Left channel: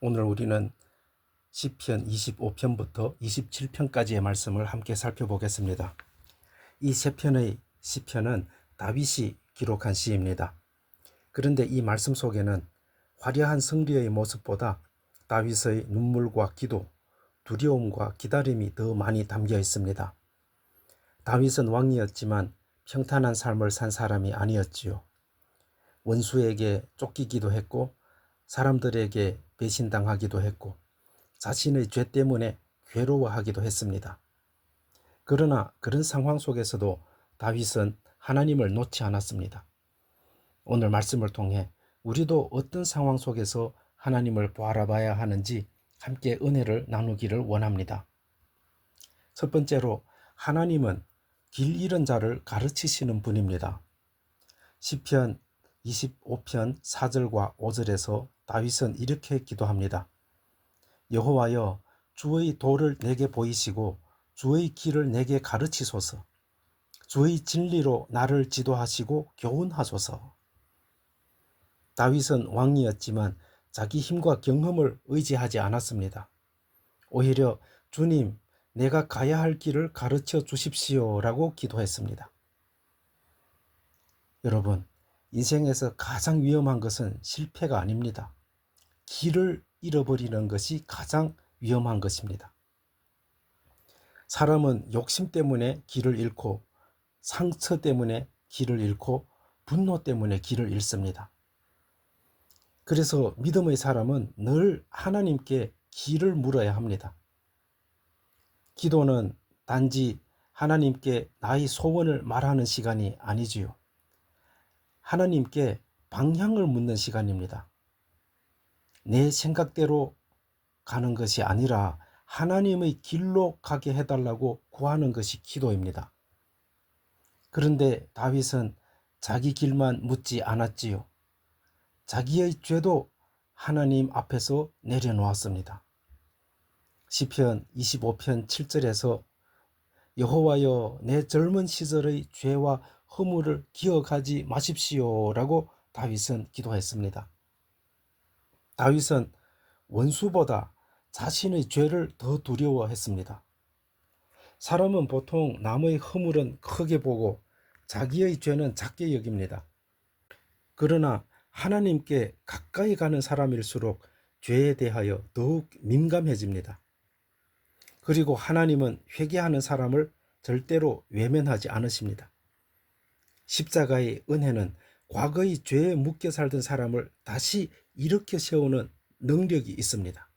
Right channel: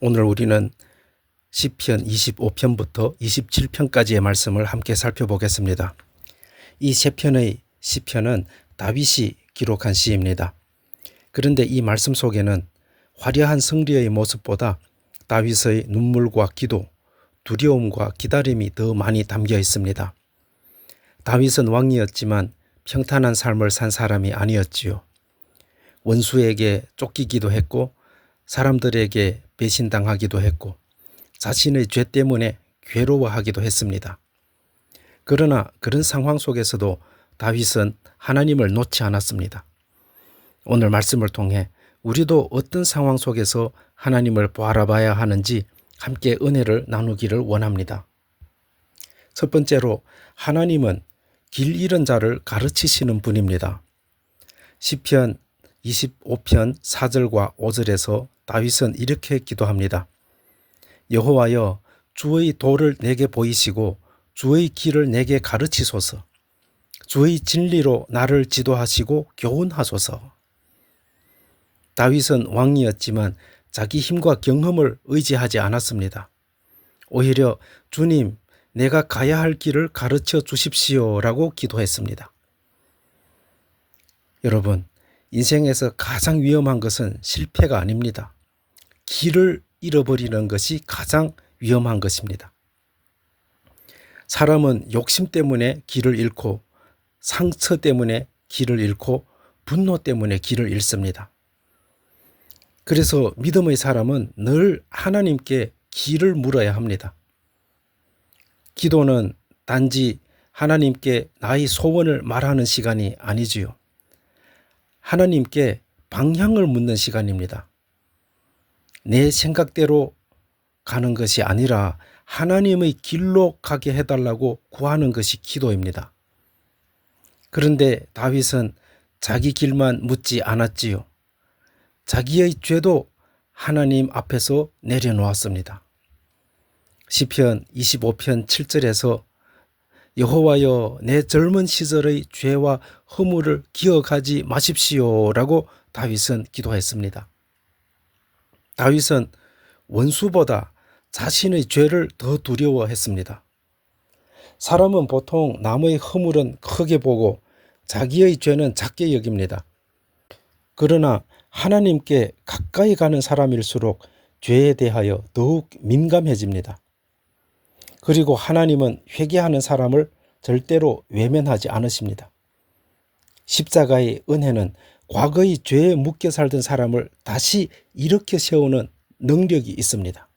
오늘 우리는 시편 25편부터 27편까지의 말씀을 함께 살펴보겠습니다. 이 세 편의 시편은 다윗이 기록한 시입니다. 그런데 이 말씀 속에는 화려한 승리의 모습보다 다윗의 눈물과 기도, 두려움과 기다림이 더 많이 담겨 있습니다. 다윗은 왕이었지만 평탄한 삶을 산 사람이 아니었지요. 원수에게 쫓기기도 했고 사람들에게 배신당하기도 했고 자신의 죄 때문에 괴로워하기도 했습니다. 그러나 그런 상황 속에서도 다윗은 하나님을 놓지 않았습니다. 오늘 말씀을 통해 우리도 어떤 상황 속에서 하나님을 바라봐야 하는지 함께 은혜를 나누기를 원합니다. 첫 번째로 하나님은 길 잃은 자를 가르치시는 분입니다. 시편 25편 4절과 5절에서 다윗은 이렇게 기도합니다. 여호와여, 주의 도를 내게 보이시고 주의 길을 내게 가르치소서. 주의 진리로 나를 지도하시고 교훈하소서. 다윗은 왕이었지만 자기 힘과 경험을 의지하지 않았습니다. 오히려 주님, 내가 가야 할 길을 가르쳐 주십시오라고 기도했습니다. 여러분, 인생에서 가장 위험한 것은 실패가 아닙니다. 길을 잃어버리는 것이 가장 위험한 것입니다. 사람은 욕심 때문에 길을 잃고 상처 때문에 길을 잃고 분노 때문에 길을 잃습니다. 그래서 믿음의 사람은 늘 하나님께 길을 물어야 합니다. 기도는 단지 하나님께 나의 소원을 말하는 시간이 아니지요. 하나님께 방향을 묻는 시간입니다. 내 생각대로 가는 것이 아니라 하나님의 길로 가게 해달라고 구하는 것이 기도입니다. 그런데 다윗은 자기 길만 묻지 않았지요. 자기의 죄도 하나님 앞에서 내려놓았습니다. 시편 25편 7절에서 여호와여, 내 젊은 시절의 죄와 허물을 기억하지 마십시오라고 다윗은 기도했습니다. 다윗은 원수보다 자신의 죄를 더 두려워했습니다. 사람은 보통 남의 허물은 크게 보고 자기의 죄는 작게 여깁니다. 그러나 하나님께 가까이 가는 사람일수록 죄에 대하여 더욱 민감해집니다. 그리고 하나님은 회개하는 사람을 절대로 외면하지 않으십니다. 십자가의 은혜는 과거의 죄에 묶여 살던 사람을 다시 일으켜 세우는 능력이 있습니다.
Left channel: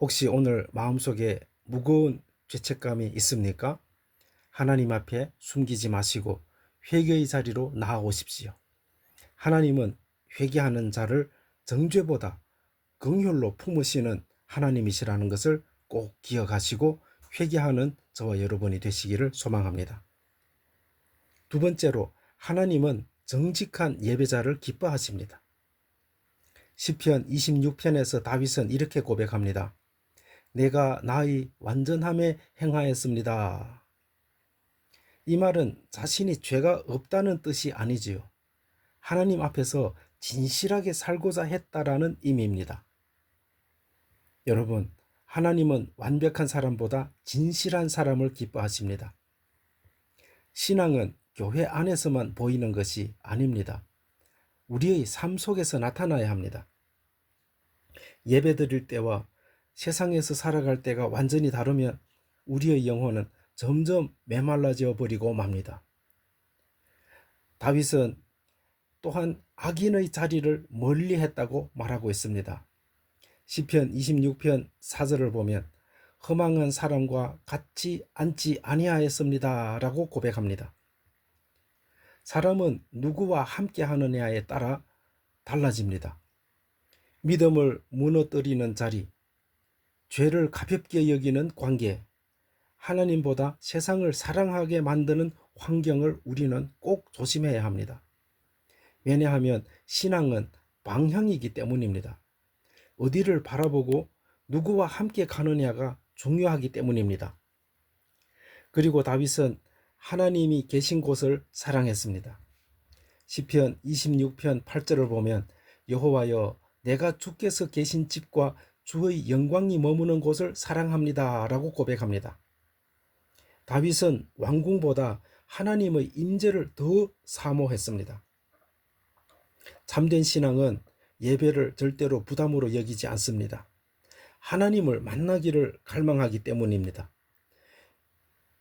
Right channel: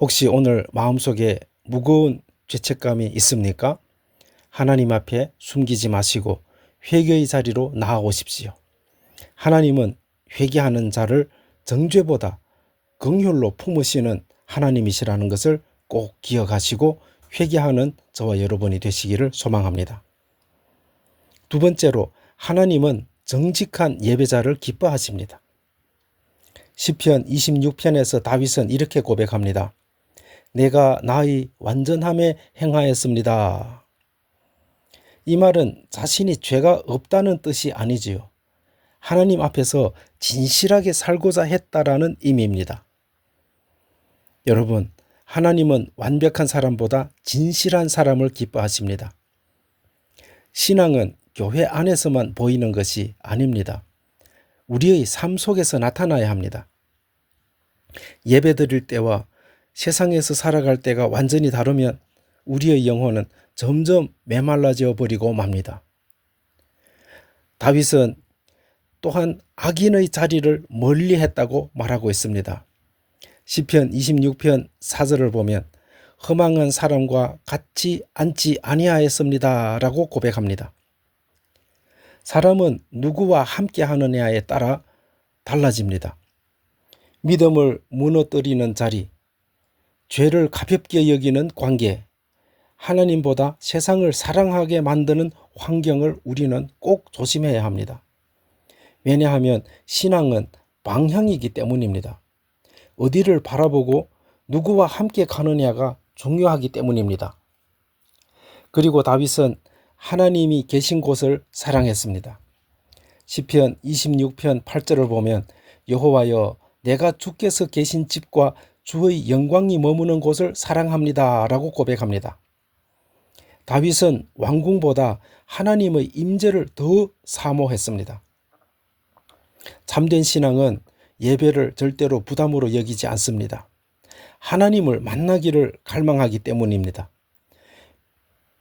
혹시 오늘 마음속에 무거운 죄책감이 있습니까? 하나님 앞에 숨기지 마시고 회개의 자리로 나아오십시오. 하나님은 회개하는 자를 정죄보다 긍휼로 품으시는 하나님이시라는 것을 꼭 기억하시고 회개하는 저와 여러분이 되시기를 소망합니다. 두 번째로 하나님은 정직한 예배자를 기뻐하십니다. 시편 26편에서 다윗은 이렇게 고백합니다. 내가 나의 완전함에 행하였습니다. 이 말은 자신이 죄가 없다는 뜻이 아니지요. 하나님 앞에서 진실하게 살고자 했다라는 의미입니다. 여러분, 하나님은 완벽한 사람보다 진실한 사람을 기뻐하십니다. 신앙은 교회 안에서만 보이는 것이 아닙니다. 우리의 삶 속에서 나타나야 합니다. 예배드릴 때와 세상에서 살아갈 때가 완전히 다르면 우리의 영혼은 점점 메말라져 버리고 맙니다. 다윗은 또한 악인의 자리를 멀리했다고 말하고 있습니다. 시편 26편 4절을 보면 허망한 사람과 같이 앉지 아니하였습니다 라고 고백합니다. 사람은 누구와 함께 하느냐에 따라 달라집니다. 믿음을 무너뜨리는 자리, 죄를 가볍게 여기는 관계, 하나님보다 세상을 사랑하게 만드는 환경을 우리는 꼭 조심해야 합니다. 왜냐하면 신앙은 방향이기 때문입니다. 어디를 바라보고 누구와 함께 가느냐가 중요하기 때문입니다. 그리고 다윗은 하나님이 계신 곳을 사랑했습니다. 시편 26편 8절을 보면 여호와여, 내가 주께서 계신 집과 주의 영광이 머무는 곳을 사랑합니다 라고 고백합니다. 다윗은 왕궁보다 하나님의 임재를 더 사모했습니다. 참된 신앙은 예배를 절대로 부담으로 여기지 않습니다. 하나님을 만나기를 갈망하기 때문입니다.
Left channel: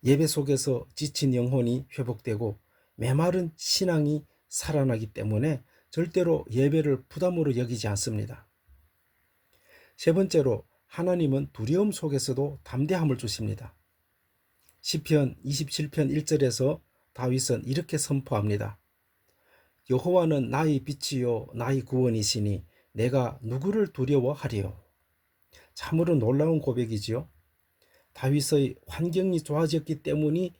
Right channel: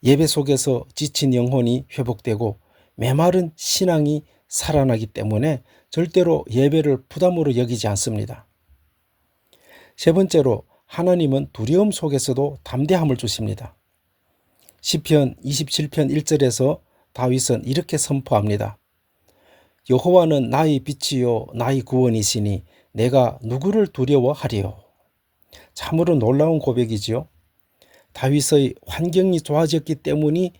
예배 속에서 지친 영혼이 회복되고 메마른 신앙이 살아나기 때문에 절대로 예배를 부담으로 여기지 않습니다. 세 번째로 하나님은 두려움 속에서도 담대함을 주십니다. 시편 27편 1절에서 다윗은 이렇게 선포합니다. 여호와는 나의 빛이요 나의 구원이시니 내가 누구를 두려워하리요. 참으로 놀라운 고백이지요. 다윗의 환경이 좋아졌기 때문이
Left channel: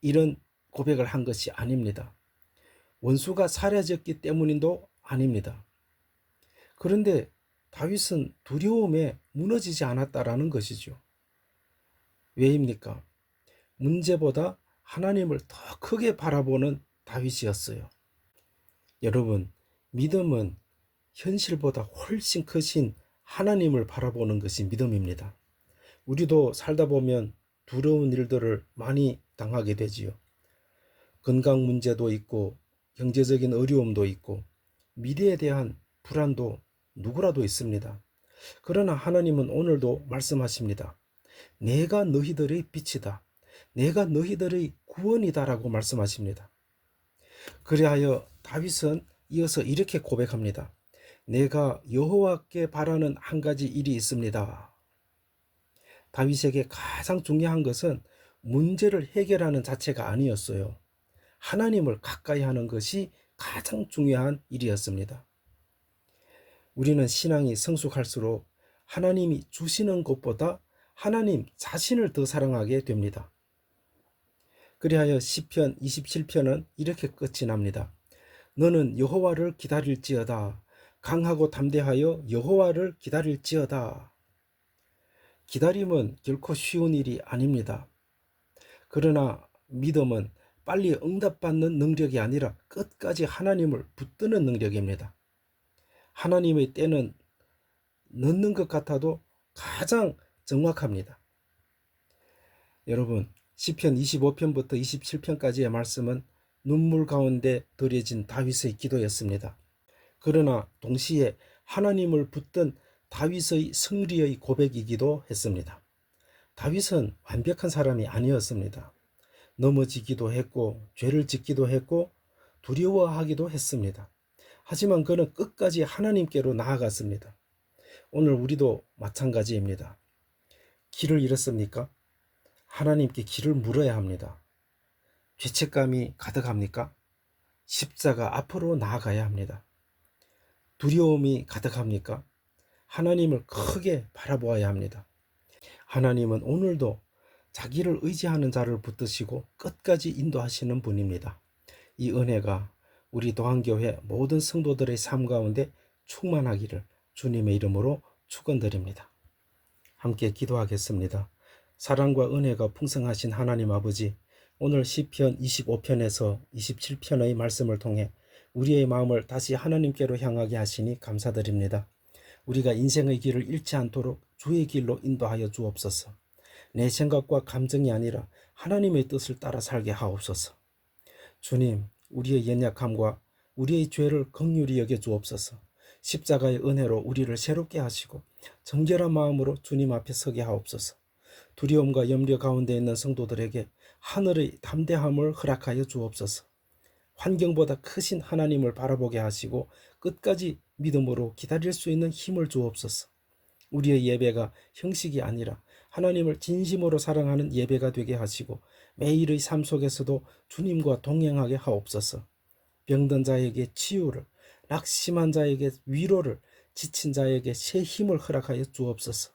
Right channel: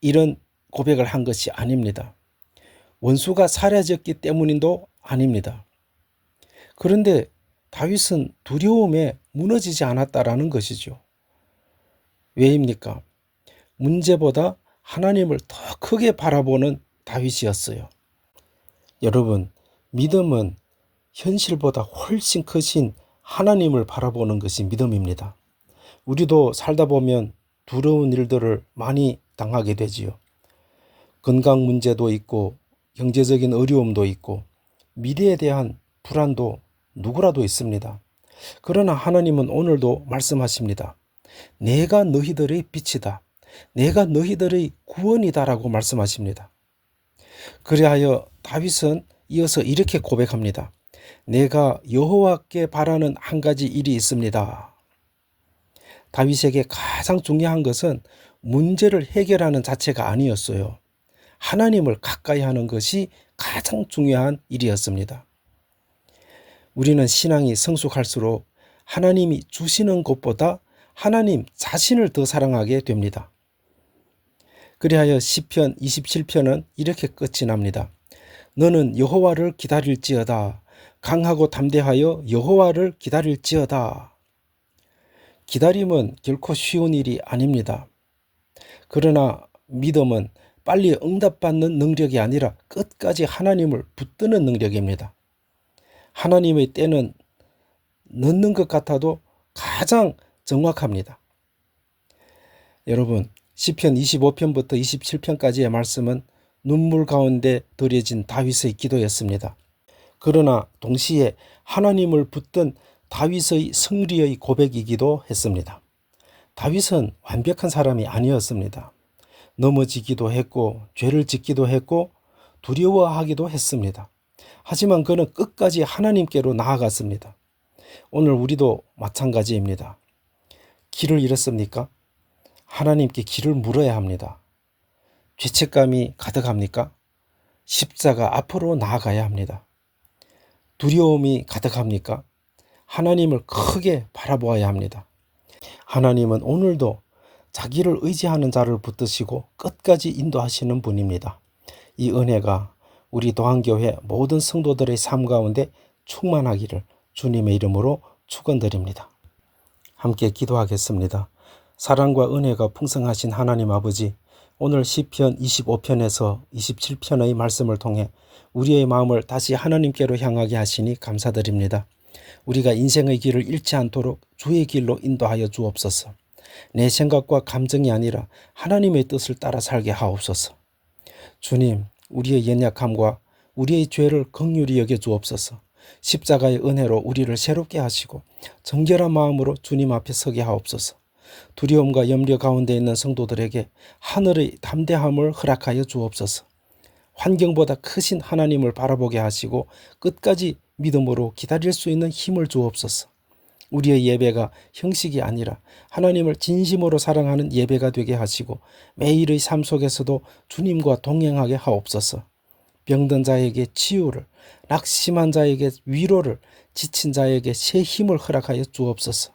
이런 고백을 한 것이 아닙니다. 원수가 사라졌기 때문도 아닙니다. 그런데 다윗은 두려움에 무너지지 않았다라는 것이죠. 왜입니까? 문제보다 하나님을 더 크게 바라보는 다윗이었어요. 여러분, 믿음은 현실보다 훨씬 크신 하나님을 바라보는 것이 믿음입니다. 우리도 살다 보면 두려운 일들을 많이 당하게 되지요. 건강 문제도 있고 경제적인 어려움도 있고 미래에 대한 불안도 누구라도 있습니다. 그러나 하나님은 오늘도 말씀하십니다. 내가 너희들의 빛이다. 내가 너희들의 구원이다라고 말씀하십니다. 그리하여 다윗은 이어서 이렇게 고백합니다. 내가 여호와께 바라는 한 가지 일이 있습니다. 다윗에게 가장 중요한 것은 문제를 해결하는 자체가 아니었어요. 하나님을 가까이 하는 것이 가장 중요한 일이었습니다. 우리는 신앙이 성숙할수록 하나님이 주시는 것보다 하나님 자신을 더 사랑하게 됩니다. 그리하여 시편 27편은 이렇게 끝이 납니다. 너는 여호와를 기다릴지어다. 강하고 담대하여 여호와를 기다릴지어다. 기다림은 결코 쉬운 일이 아닙니다. 그러나 믿음은 빨리 응답받는 능력이 아니라 끝까지 하나님을 붙드는 능력입니다. 하나님의 때는 늦는 것 같아도 가장 정확합니다. 여러분, 시편 25편부터 27편까지의 말씀은 눈물 가운데 드려진 다윗의 기도였습니다. 그러나 동시에 하나님을 붙든 다윗의 승리의 고백이기도 했습니다. 다윗은 완벽한 사람이 아니었습니다. 넘어지기도 했고 죄를 짓기도 했고 두려워하기도 했습니다. 하지만 그는 끝까지 하나님께로 나아갔습니다. 오늘 우리도 마찬가지입니다. 길을 잃었습니까? 하나님께 길을 물어야 합니다. 죄책감이 가득합니까? 십자가 앞으로 나아가야 합니다. 두려움이 가득합니까? 하나님을 크게 바라보아야 합니다. 하나님은 오늘도 자기를 의지하는 자를 붙드시고 끝까지 인도하시는 분입니다. 이 은혜가 우리 도안교회 모든 성도들의 삶 가운데 충만하기를 주님의 이름으로 축원드립니다. 함께 기도하겠습니다. 사랑과 은혜가 풍성하신 하나님 아버지, 오늘 시편 25편에서 27편의 말씀을 통해 우리의 마음을 다시 하나님께로 향하게 하시니 감사드립니다. 우리가 인생의 길을 잃지 않도록 주의 길로 인도하여 주옵소서. 내 생각과 감정이 아니라 하나님의 뜻을 따라 살게 하옵소서. 주님, 우리의 연약함과 우리의 죄를 긍휼히 여겨 주옵소서. 십자가의 은혜로 우리를 새롭게 하시고 정결한 마음으로 주님 앞에 서게 하옵소서. 두려움과 염려 가운데 있는 성도들에게 하늘의 담대함을 허락하여 주옵소서. 환경보다 크신 하나님을 바라보게 하시고 끝까지 믿음으로 기다릴 수 있는 힘을 주옵소서. 우리의 예배가 형식이 아니라 하나님을 진심으로 사랑하는 예배가 되게 하시고 매일의 삶 속에서도 주님과 동행하게 하옵소서. 병든 자에게 치유를, 낙심한 자에게 위로를, 지친 자에게 새 힘을 허락하여 주옵소서.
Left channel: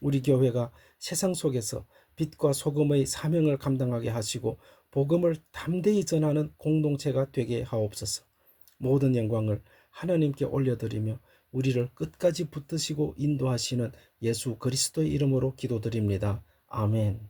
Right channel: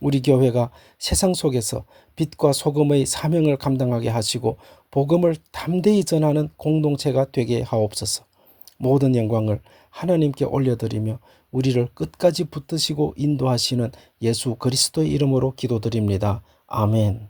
우리 교회가 세상 속에서 빛과 소금의 사명을 감당하게 하시고 복음을 담대히 전하는 공동체가 되게 하옵소서. 모든 영광을 하나님께 올려드리며 우리를 끝까지 붙드시고 인도하시는 예수 그리스도의 이름으로 기도드립니다. 아멘.